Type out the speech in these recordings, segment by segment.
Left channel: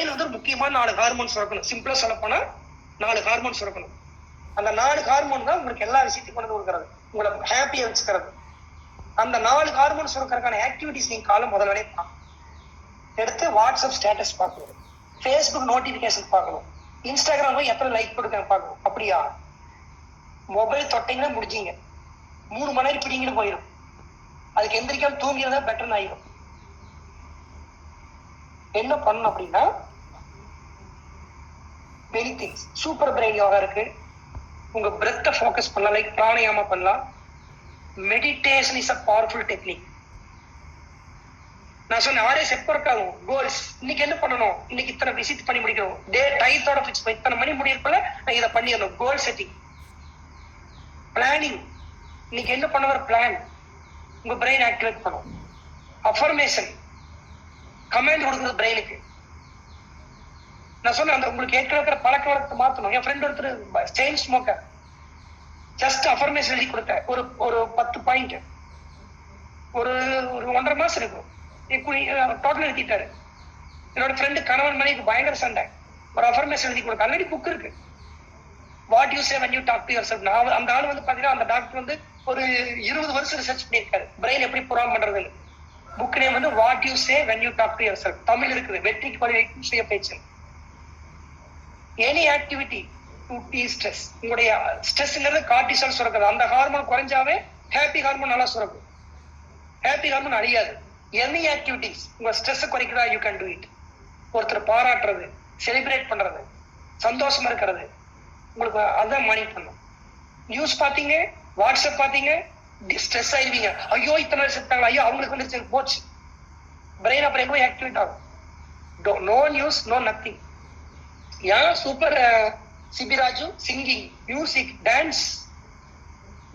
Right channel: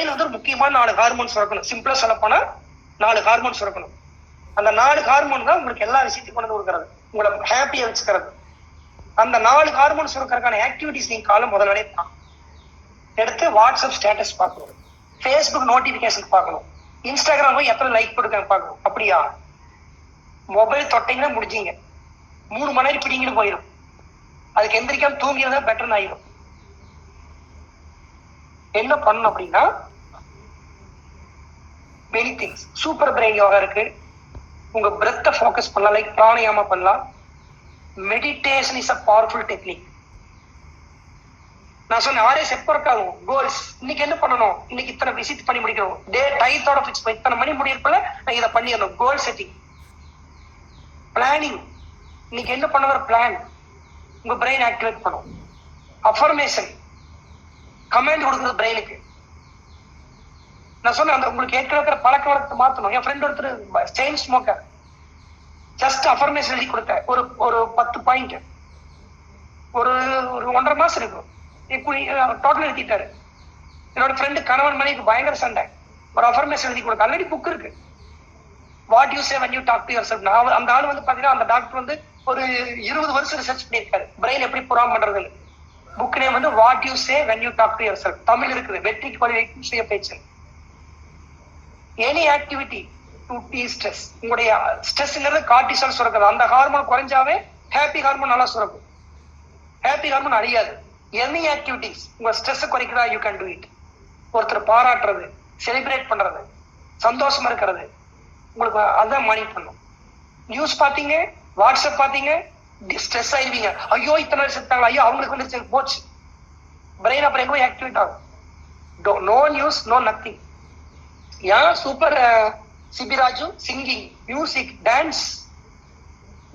Brain வந்து ஒரு முக்கியமான 4 ஹார்மோன்ஸ் சுரக்கணும். சிம்பிளா சொல்ல போனா 4 ஹார்மோன்ஸ் சுரக்கணும். அந்த 4 ஹார்மோன் தான் உங்களுக்கு எல்லா விஷயத்தையும் கொண்டு கொடுக்கறது, உங்களை ஹாப்பியா வச்சுக்கிறது. அந்த 4 ஹார்மோன் சுரக்கிறதுக்கான ஆக்டிவிட்டிஸ் நீங்க காலம் முதல்ல எடுத்து வாட்ஸ்அப் ஸ்டேட்டஸ் பார்க்கணும், ஃபேஸ்புக் நோட்டிபிகேஷன் பார்க்கணும், இன்ஸ்டாகிராம் போய் எத்தனை லைக் கொடுக்க பார்க்கணும். அப்படியா மொபைல் தொட்டீங்கன்னா முடிஞ்சீங்க, 3 மணி நேரம் பிடிங்கன்னு போயிடும். அதுக்கு எந்திரிக்காம தூங்கிறதா பெட்டர்னு ஆயிடும். என்ன பண்ணணும் அப்படின்னா many things. Super brain yoga இருக்கு. உங்க பிரெத்தை ஃபோக்கஸ் பண்ணலாம், லைக் பிராணாயாமா பண்ணலாம். Meditation is a powerful technique. நான் சொன்ன ஆர்எஸ் எப்போ ஒர்க் ஆகும். கோல்ஸ் இன்னைக்கு என்ன பண்ணணும், இன்னைக்கு இத்தனை விசிட் பண்ணி முடிக்கணும், டே டைத்தோட ஃபிக்ஸ் பண்ணி இத்தனை மணி முடியிருப்பல நான் இதை பண்ணிடணும். கோல் செட்டிங், பிளானிங். இன்னைக்கு என்ன பண்ண ஒரு பிளான் உங்க பிரெயின் ஆக்டிவேட் பண்ணும். அஃபர்மேஷன், கமாண்ட் கொடுக்குறது பிரெயினுக்கு. நான் சொன்னேன் அந்த உங்களுக்கு ஏற்கனவே பழக்க வழக்கத்தை மாற்றணும். என் ஃப்ரெண்ட் ஒருத்தர் செயின் ஸ்மோக்கர், ஜஸ்ட் அஃபர்மேஷன் எழுதி கொடுத்தேன். ஒரு 10 பாயிண்ட் ஒரு 1.5 மாசம் இருக்கும். டோட்டல் எழுதிட்டாரு. என்னோட ஃப்ரெண்டு கணவன் மனைவிக்கு பயங்கர சண்டை. ஒரு அஃபர்மேஷன் எழுதி கொடுக்க ஆல்ரெடி புக் இருக்கு. What you say when you talk to yourself. அந்த ஆள் வந்து பாத்தீங்கன்னா அந்த டாக்டர் வந்து ஒரு 20 வருஷம் ரிசர்ச் பண்ணியிருக்காரு பிரெயின் எப்படி புறாம் பண்றதுன்னு. புக் நேம் வந்து what you say when you talk to yourself. Tamil இருக்குது, வெற்றிக்கு வழிவகுக்கும் சுய பேச்சு. Any activity to destress. உங்களுடைய ஸ்ட்ரெஸ்ங்கிறது கார்டிசால் சுரக்குது. அந்த ஹார்மோன் குறைஞ்சாவே ஹாப்பி ஹார்மோன் நல்லா சுரக்கும். ஹாப்பி ஹார்மோன் அழியாது. எனி ஆக்டிவிட்டிஸ் உங்க ஸ்ட்ரெஸ் குறைக்கிறதா யூ கேன் டூ இட். ஒருத்தர் பாராட்டுறது, செலிப்ரேட் பண்றது, சந்தோஷமா இருக்கிறது, உங்களுக்கு அதான் மானிட் பண்ணும். நியூஸ் பாத்தீங்க, வாட்ஸ்அப் பாத்தீங்க, ஸ்ட்ரெஸ் ஆயிருவீங்க. ஐயோ இத்தனை வருஷம் செத்தாங்க, ஐயோ அவங்களுக்கு வந்து போச்சு. பிரெயின் அப்புறம் எங்க போய் ஆக்டிவேட் ஆகும். No news, no nothing. ஏன் சூப்பர் சிபிராஜு சிங்கிங், மியூசிக், டான்ஸ்.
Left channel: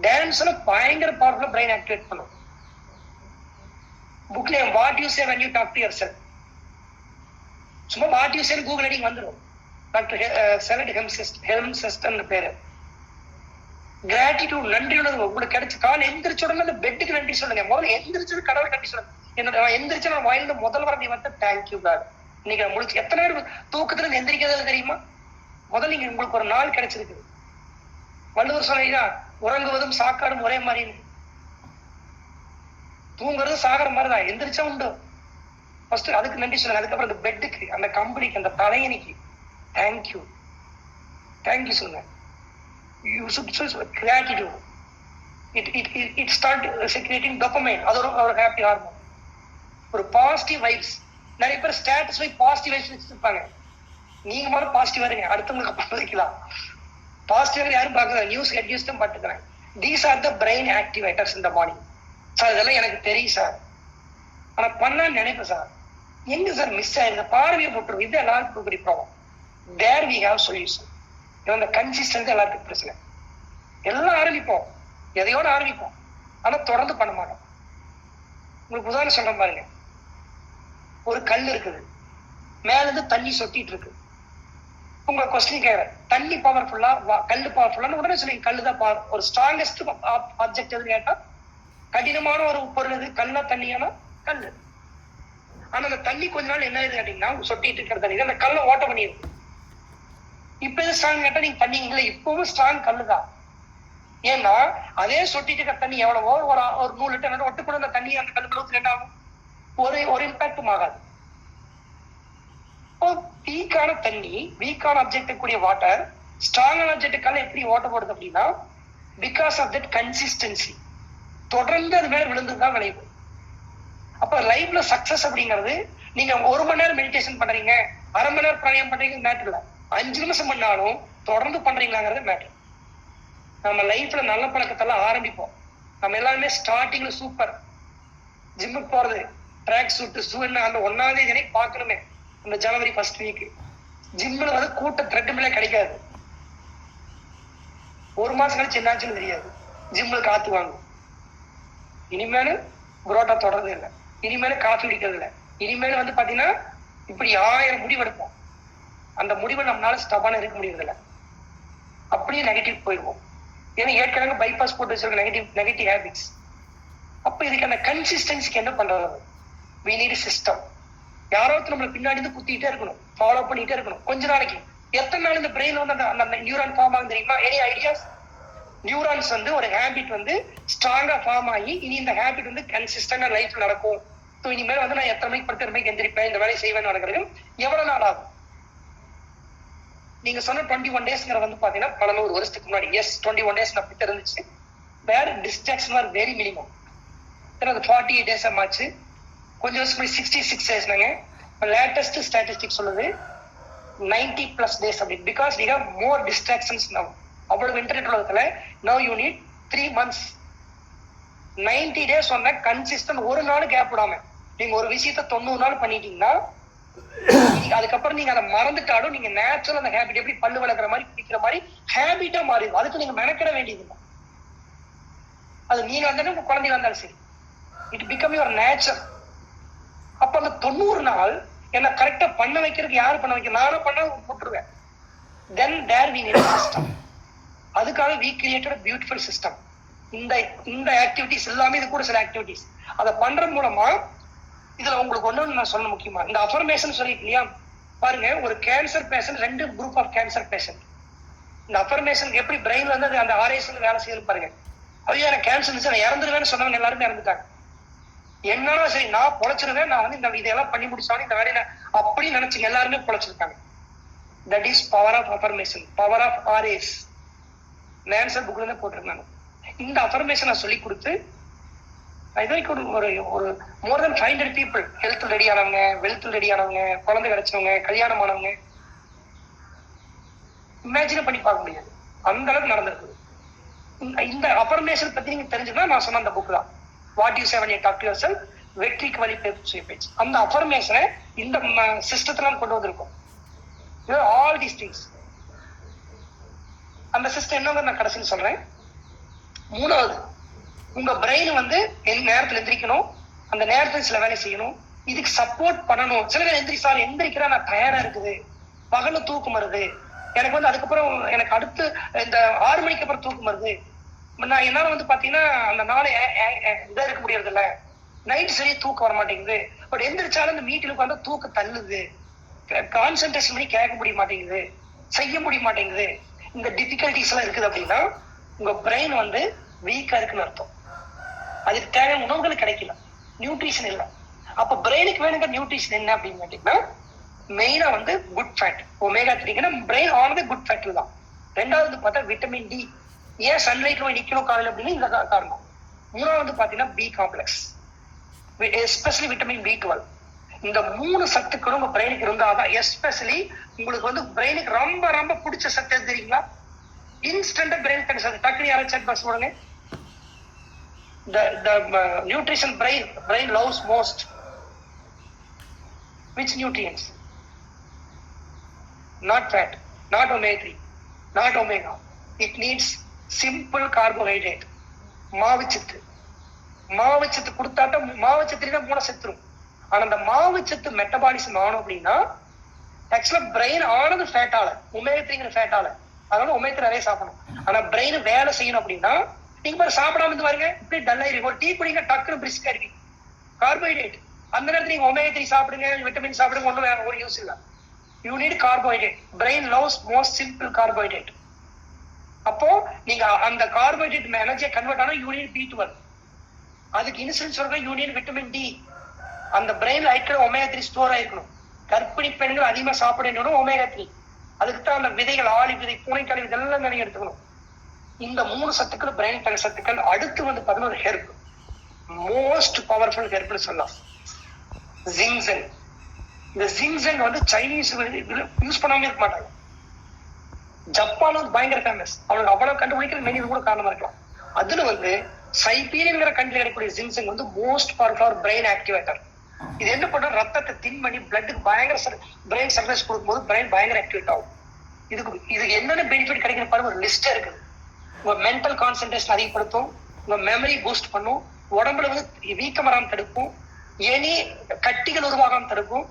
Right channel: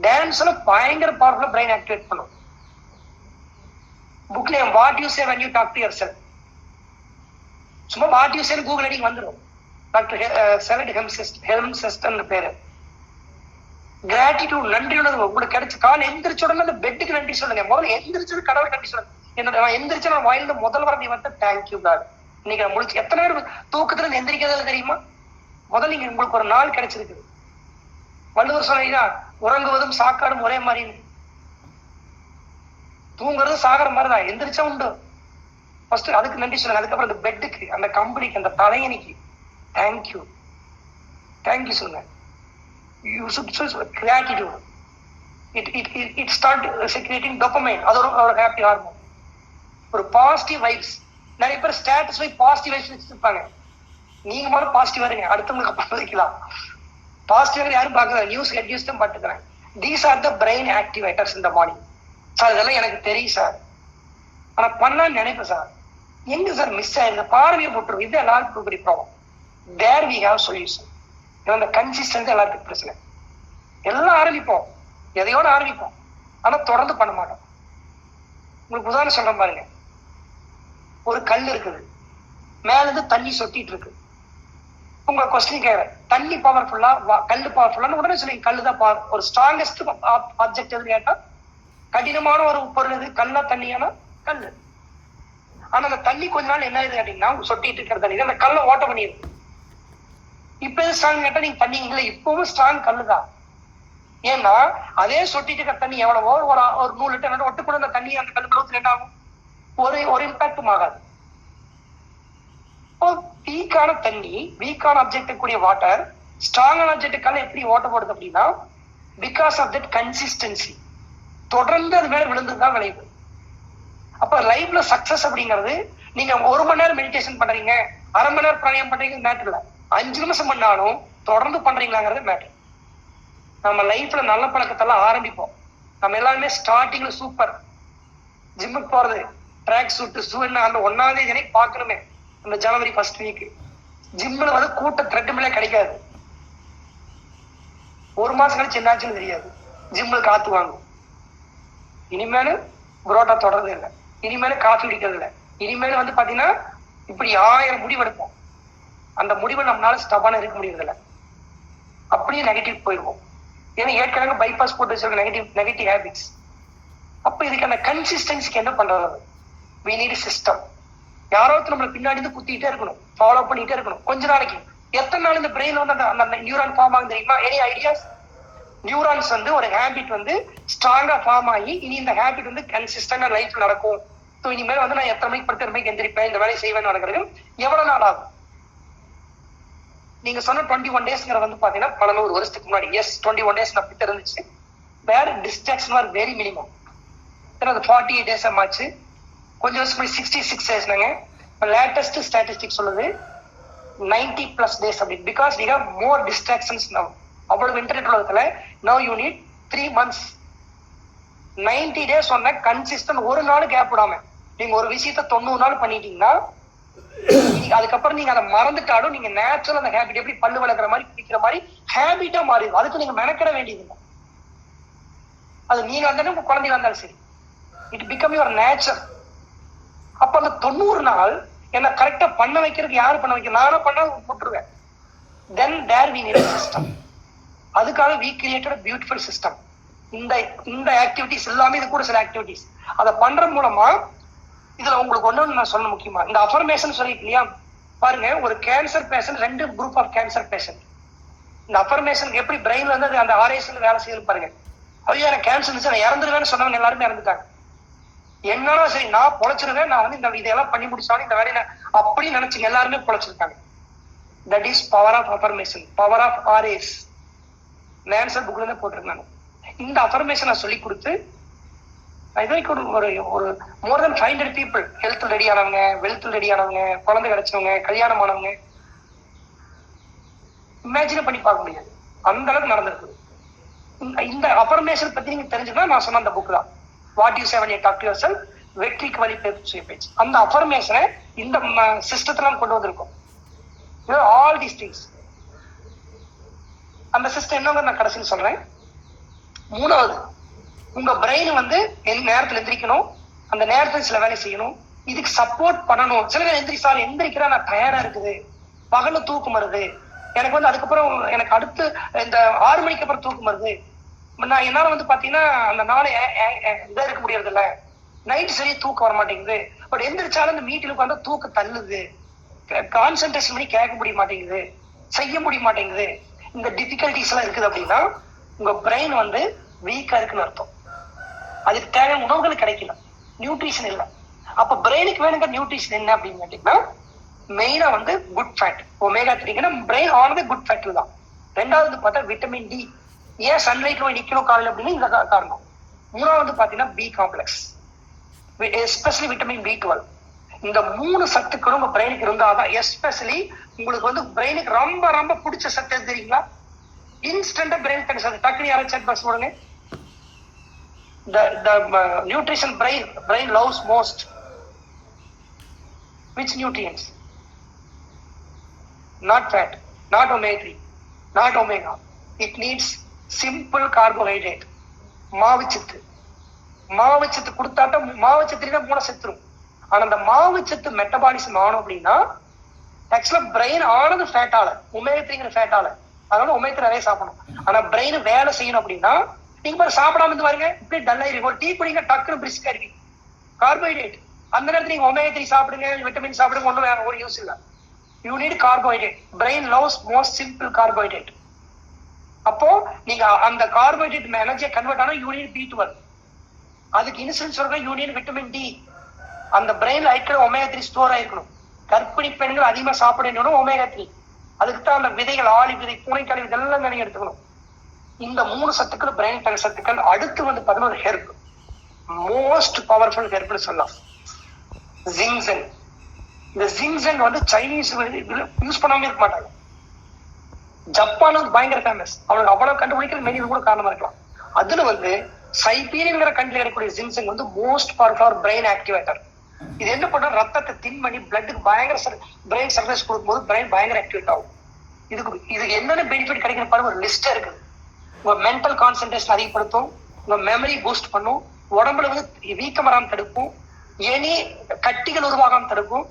டான்ஸ்ல பயங்கர பவர்ஃபுல்லா பிரெயின் ஆக்டிவேட் பண்ணும். Book name what you say when you talk to yourself. சும்மா வாட் யூ சே கூகுள் அடிங்க வந்துடும். டாக்டர் செலட் ஹெல்ம்செஸ்ட் பேரு. கிராட்டிடியூட், நன்றி உணர்வு. உங்களுக்கு கிடைச்ச கால எந்திரிச்ச உடனே அந்த பெட்டுக்கு நன்றி சொல்லுங்க. முதல்ல எந்திரிச்சது கடவுள் நன்றி சொல்லுங்க. என்னோட நான் எந்திரிச்ச நான் வாயிலிருந்து முதல் வர நீ வந்து தேங்க்யூ காட். இன்னைக்கு நான் முடிச்சு எத்தனை பேர் தூக்கத்துல இருந்து எந்திரிக்கிறது தெரியுமா? முதல்ல நீங்க உங்களுக்கு ஒரு நாள் கிடைச்சிருக்கு. வள்ளுவர் சொன்னா உறங்குவதும் சாக்காடும் ஒரே மாதிரி, தூங்குறது சாகர மாதிரிதான். எந்திரிச்சா உண்டு. ஃபர்ஸ்ட் அதுக்கு நன்றி சொல்லுங்க. அதுக்கப்புறம் அந்த பெட்டுக்கு, அந்த கம்பெனிக்கு, அந்த தலையணிக்கு தேங்க்யூ தேங்க்யூ சொல்லுங்க. You should gratitude. It start secreting dopamine. அது ஒரு ஹாப்பி ஹார்மோன். ஒரு பாசிட்டிவ் வைப்ஸ். நிறைய பேர் ஸ்டேட்டஸ் போய் பாசிட்டிவ் வைப்ஸ் வச்சிருப்பாங்க. நீங்க முதல்ல பாசிட்டிவா இருங்க, அடுத்தவங்களுக்கு அப்புறம் வைக்கலாம். பாசிட்டிவா யாரும் பார்க்கல, நியூஸ் ஹெட்யூஸ் தான் பார்த்துக்கிறேன். These are the brain activators இந்த மார்னிங். சார் இதெல்லாம் எனக்கு தெரியும் சார், ஆனா பண்ணான்னு நினைப்பேன் சார். எங்க சார் மிஸ் ஆயிருக்கு, பார்வையை போட்டுரும். இது எல்லாருக்கும் பெரிய problem. There we have solution. இந்த கன்சிஸ்டன்சி எல்லாத்துக்கும் பிரச்சனை. எல்லாம் ஆரம்பிப்போம், எதையோட ஆரம்பிப்போம், ஆனா தொடர்ந்து பண்ண மாட்டோம். உங்களுக்கு உதாரணம் சொல்றேன் பாருங்க. ஒரு கல் இருக்குது, மேல இருந்து தண்ணி சொட்டிட்டு இருக்கு. உங்க கொஸ்டின் கேட்கறேன், தண்ணி பவர்ஃபுல்லா கல்லு பவர்ஃபுல்லான்னு உடனே சொல்லுங்க. கல்லு தான் பவர். ஒரு ஸ்ட்ராங்கஸ்ட் ஆப்ஜெக்ட் எதுன்னு கேட்டா கடினமான ஒரு பொருள் எது, கல்லா தண்ணியானா கல்லு. ஆனா அந்த தண்ணி கொஞ்ச நாள் என்ன ஆகுது கேட்டீங்கன்னா, சொட்டிட்டு இருக்கிற தண்ணி அந்த கல்லை ஓட்ட பண்ணிடுது. இப்ப எது ஸ்ட்ராங் கேட்டா நீங்க தண்ணி இல்லை, இப்பவும் ஸ்ட்ராங் கல்லுதான். ஏன்னா அதே சொட்டிட்டு இருக்கிற தண்ணி எவ்வளவோ ஒரு 100 லிட்டர் ஒட்டு கூட அந்த தண்ணி அந்த கல்லுக்குள்ள என்ன ஆகும், ஒரு இம்பாக்டும் ஆகாது. வீக்கான தண்ணி, வீக்கான ஆப்ஜெக்ட் கூடிய வாட்டர் ஸ்ட்ராங்கான ஆப்ஜெக்டுக்கால எப்படி ஓட்ட போடுது அப்படின்னா, பிகாஸ் ஆஃப் தட் கன்சிஸ்டன்சி. தொடர்ந்து அது மேல விழுந்துதான் விளைவு. அப்ப லைஃப்ல சக்சஸ் அப்படிங்கிறது நீங்க 1 மணி நேரம் மெடிடேஷன் பண்றீங்க, அரை மணி நேரம் பிராணாயம் பண்றீங்க மேட்டர் இல்ல, 5 நிமிஷம் பண்ணாலும் தொடர்ந்து பண்றீங்களாங்கிறது மேட்டர். நம்ம லைஃப்ல நல்ல பழக்கத்தெல்லாம் ஆரம்பிப்போம். நம்ம எல்லாருமே ஸ்டார்டிங்ல சூப்பர் ஜிம்முக்கு போறது, ட்ராக் சூட் ஷூ அந்த 1ஆம் தேதி பாக்கணுமே. இந்த ஜனவரி 1st வீக் ஜிம்ல வந்து கூட்ட த்ரெட்மில்ல கிடைக்காது. 1 மாசம் கழிச்சு என்னாச்சுன்னு தெரியாது. ஜிம்ல காத்து வாங்கும். இனிமேலு புரோட்டா தொடர்றது இல்லை, இனிமேலு காஃபி குடிக்கிறது இல்லை, இனிமேல் வந்து பாத்தீங்கன்னா இப்படி 1000 முடிவு எடுப்போம். அந்த முடிவை நம்மளால ஸ்டபான இருக்க முடியறதில்ல. அப்படியே நெகட்டிவ் போயிடுவோம். ஏன்னா ஏற்கனவே பைபாஸ் போட்டு வச்சிருக்க நெகட்டிவ் ஹேபிட்ஸ். அப்ப இதுக்கு அந்த கன்சிஸ்டன்சிக்கு என்ன பண்றது? we need a system. யாராவது நம்மள பின்னாடி இருந்து குத்திட்டே இருக்கணும், ஃபாலோ பண்ணிட்டே இருக்கணும். கொஞ்ச நாளைக்கு எத்தனை நாள் இந்த பிரெயின் வந்து அந்த நியூரான் ஃபார்ம் ஆகும் தெரியுமா? Any ideas? நியூரான்ஸ் வந்து ஒரு ஹேபிட் வந்து ஸ்ட்ராங்கா ஃபார்ம் ஆகி இனி இந்த ஹேபிட் வந்து கன்சிஸ்டன்டா லைஃப்ல நடக்கும். ஸோ இனிமேல் வந்து நான் எத்தனை மணிக்கு படுத்து மணிக்கு எந்திரிப்பேன், இந்த வேலையை செய்வேன் நடக்கிறது எவ்வளவு நாள் ஆகும்? நீங்க சொன்ன 21 daysங்கிற வந்து பாத்தீங்கன்னா 11 வருஷத்துக்கு முன்னாடி. எஸ், 21 days நான் பிட்ட இருந்துச்சு. வேற டிஸ்ட்ராக்ஷன் ஆர் வெரி மினிமம். அது 48 days ஆச்சு. கொஞ்சம் வருஷம் 66 daysனாங்க. லேட்டஸ்ட் ஸ்டாட்டிஸ்டிக் சொல்லுது 90+ days அப்படி. Because we have more distractions now. அவ்வளவு இன்டர்நெட் உலகத்துல now you need 3 months. 90 days சொன்ன கன்சிஸ்டன்ட், ஒரு நாள் கேப் விடாம நீங்க ஒரு விஷயத்த 90 நாள் பண்ணிட்டீங்கன்னா அதுக்கப்புறம் நீங்க அதை மறந்துட்டாலும் நீங்க நேச்சுரல் அந்த ஹேபிட் எப்படி பல்லு வளர்க்குற மாதிரி குடிக்கிற மாதிரி ஹேபிட்டா மாறிடும். அதுக்கு நீங்க மெனக்கிட வேண்டியது இல்லை. அது நீங்க வந்தாலும் உங்க குழந்தைங்க வந்தாலும் சரி, இட் பிகம் யுவர் நேச்சர். அப்ப அந்த 90 நாள் என்ன கரெக்டா பண்ண வைக்கிறதுக்கு யாரு பண்ண வைக்க? நானா பண்ண போட்டுருவேன். தென் தேர் வி நீட் சிஸ்டம். அதுக்காக வி கிரியேட்டட் பியூட்டிஃபுல் சிஸ்டம். இந்த ஆக்டிவிட்டிஸ் எல்லாமே இது கூட சில ஆக்டிவிட்டிஸ் அதை பண்ற மூலமா இதுல உங்களுக்கு ஒண்ணு நான் சொல்ல முக்கியமா இந்த அஃபர்மேஷன் சொல்லிட்டு இல்லையா பாருங்க. ஒரு cancer patient, 2 group of cancer patient. இந்த அஃபர்மேஷன் எப்படி பிரெயின்ல இருந்து அந்த RAS வேலை செய்யுது பாருங்க. ஐயோ எனக்கு கேன்சர் இருந்துச்சு நான் இறந்துருவேன்னு சொன்னவங்க எல்லாருமே இறந்துட்டாங்க. என்னன்னா சரி நான் பொழைச்சிருவேன், நான் வந்து இந்த இதெல்லாம் பண்ணி முடிச்சாலும் இந்த வேலையை அப்படி நினைச்சுங்க எல்லாருமே பொழைச்சிருக்காங்க. That is power of affirmation, power of RAS. நேன்சர் புக்ல இருந்து போட்டிருக்காங்க. இந்த அஃபர்மேஷனை சொல்லி கொடுத்து ஒரு more than 500 people health ready ஆனவங்க, வெல்த் ரெடி ஆனவங்க, குழந்தை கிடைச்சவங்க, கல்யாணம் ஆனவங்க இமேஜின் பண்ணி பார்க்க முடியாது. அந்த அளவுக்கு நடந்திருக்கு. இந்த அஃபர்மேஷன் பத்தி நீங்க தெரிஞ்சுக்கணும். நான் சொன்ன அந்த புக் தான் what you say when you talk to yourself, வெற்றிக்கு வழி பேச்சு. அந்த அஃபர்மேஷனை இந்த சிஸ்டத்துல கொண்டு வந்திருக்கோம். All these things. அந்த சிஸ்டம் என்னங்க நான் கடைசியில் சொல்றேன். 3வது, உங்க பிரெயின் வந்து நேரத்துல எந்திரிக்கணும், அந்த நேரத்துல சில வேலை செய்யணும், இதுக்கு சப்போர்ட் பண்ணணும். சில பேர் எந்திரிக்கிறா நான் டயர்டா இருக்குது, பகல தூக்கம் வருது, எனக்கு வந்து அதுக்கப்புறம் எனக்கு அடுத்து இந்த 6 மணிக்கு அப்புறம் தூக்கம் வருது, நான் என்னால வந்து பாத்தீங்கன்னா அந்த நாளை இதா இருக்க முடியறது இல்ல, நைட் சரியா தூக்கம் வர மாட்டேங்குது. பட் எந்திரிச்சாலும் இந்த மீட்டில் உட்காந்து தூக்கம் தள்ளுது, கான்சென்ட்ரேஷன் பண்ணி கேட்க முடிய மாட்டேங்குது, செய்ய முடிய மாட்டேங்குது, இந்த டிஃபிகல்டிஸ் எல்லாம் இருக்குது அப்படின்னா உங்க பிரெயின் வந்து வீக்கா இருக்குன்னு அர்த்தம். அதுக்கு தேவையான உணவுகள் கிடைக்கல, நியூட்ரிஷன் இல்லை. அப்ப பிரெயினுக்கு வேணுங்கிற நியூட்ரிஷன் என்ன அப்படின்னு கேட்டீங்கன்னா மெயினா வந்து குட் ஃபேட், ஒமேகா 3. பிரெயின் ஆனது குட் ஃபேட்ல தான். 2வது பார்த்தா விட்டமின் D. ஏன் சன்லைட்ல போய் நிக்கணும் காலையில் அப்படின்னு இந்த காரணம். 3வது பாத்தீங்கன்னா B complex, especially vitamin B12. இந்த 3 சத்துக்களும் உங்க பிரெயினுக்கு இருந்தாதான், எஸ்பெஷலி உங்களுக்கு வந்து பிரெயினுக்கு ரொம்ப ரொம்ப பிடிச்ச சத்து எது தெரியுங்களா? இன்ஸ்டன்டா பிரெயின் சத்து. டக்குனு யாரும் செக் பாக்ஸ் போடுங்க. The nutrition brain loves most. Which nutrients? Not fat, not omega 3, not omega. It needs simple carbohydrate. மாவுச்சத்து. மாவுச்சத்து கொடுத்தாட்ட மாவுச்சத்து மூளை செத்துரும். ஆனா அந்த மாவுச்சத்து மெட்டபாலிசம் ஆனும் அப்படின்னா ஆக்சுவலா பிரெயின் ஆனது ஃபேட்டால, ஒமேகா 3ங்கிற ஃபேட்டால. அதனால ஒமேகா 3 நிறைய சாப்பிடணும். ஆனா பிரெயின் வேலை செய்யணும் அப்படின்னா நீங்க பாரு சாப்பிடாம இருந்து பாருங்க, இப்படி டல் ஆயிருக்கும். ஒரு டீ குடிங்க, டக்குனு பிரிஸ்கா இருப்பீங்க. கார்போஹைட்ரேட். அந்த நேரத்துல நீங்க ஒமேகா 3 சாப்பிடுங்க, விட்டமின் சாப்பிடுங்க, ஒன்றும் வேற ஒரு யூஸ் இல்லை. You need carbohydrate. Brain loves most simple carbohydrate. அப்போ நீங்க அந்த கார்போஹைட்ரேட் எனர்ஜியை கன்வெர்ட் ஆனா யூ நீட் B12. அதுக்கு இன்சுலின் சொல்ற யூ நீட் விட்டமின் D. அந்த பிரெயின்ல ஐக்கிற ஒமேகா 3 ஸ்டோர் ஆயிருக்கணும். கர்ப்பிணி பெண்கள் அதிகமா சாப்பிடணும் ஒமேகா 3. அதுக்கு தான் அந்த விதைகள், ஆளி விதை, பூனைக்காளி இதெல்லாம் நீங்க எடுத்துக்கணும். இந்த 3 சத்துக்கள் பிரெயின் தர சத்துக்கள். அடுத்து வந்து 11 ஹெர்ப், மோஸ்ட் பவர்ஃபுல் ஹெர்ப்னு சொல்லலாம், ஜிங்சன். இந்த ஜிங்சன் வந்து சைனீஸ் யூஸ் பண்ணாம இருக்க மாட்டாங்க. ஜப்பான் வந்து பயங்கர ஃபேமஸ். அவனுக்கு அவ்வளவு கண்டுபிடிக்கிறது மெனி கூட காரணமா இருக்கலாம். அதுல வந்து சைபீரியன்கிற கண்ட்ரில இருக்கக்கூடிய ஜிங்சன் வந்து மோஸ்ட் பவர்ஃபுல் பிரெயின் ஆக்டிவேட்டர். இது என்ன பண்ணா ரத்தத்தை தின் பண்ணி பிளட்டுக்கு பயங்கர பிரெயின் சர்வீஸ் கொடுக்கும்போது பிரெயின் பயங்கர ஆக்டிவேட் ஆகும். இதுக்கு என்னென்ன பெனிஃபிட் கிடைக்கிற பாருங்க, ஒரு லிஸ்ட் இருக்குது. உங்க மென்டல் கான்சென்ட்ரேஷன் அதிகப்படுத்தும், உங்க மெமரி பூஸ்ட் பண்ணும், உடம்புல வந்து வீக்கம் வராம தடுக்கும், எனி கட்டிகள் உருவாகாம தடுக்கும்,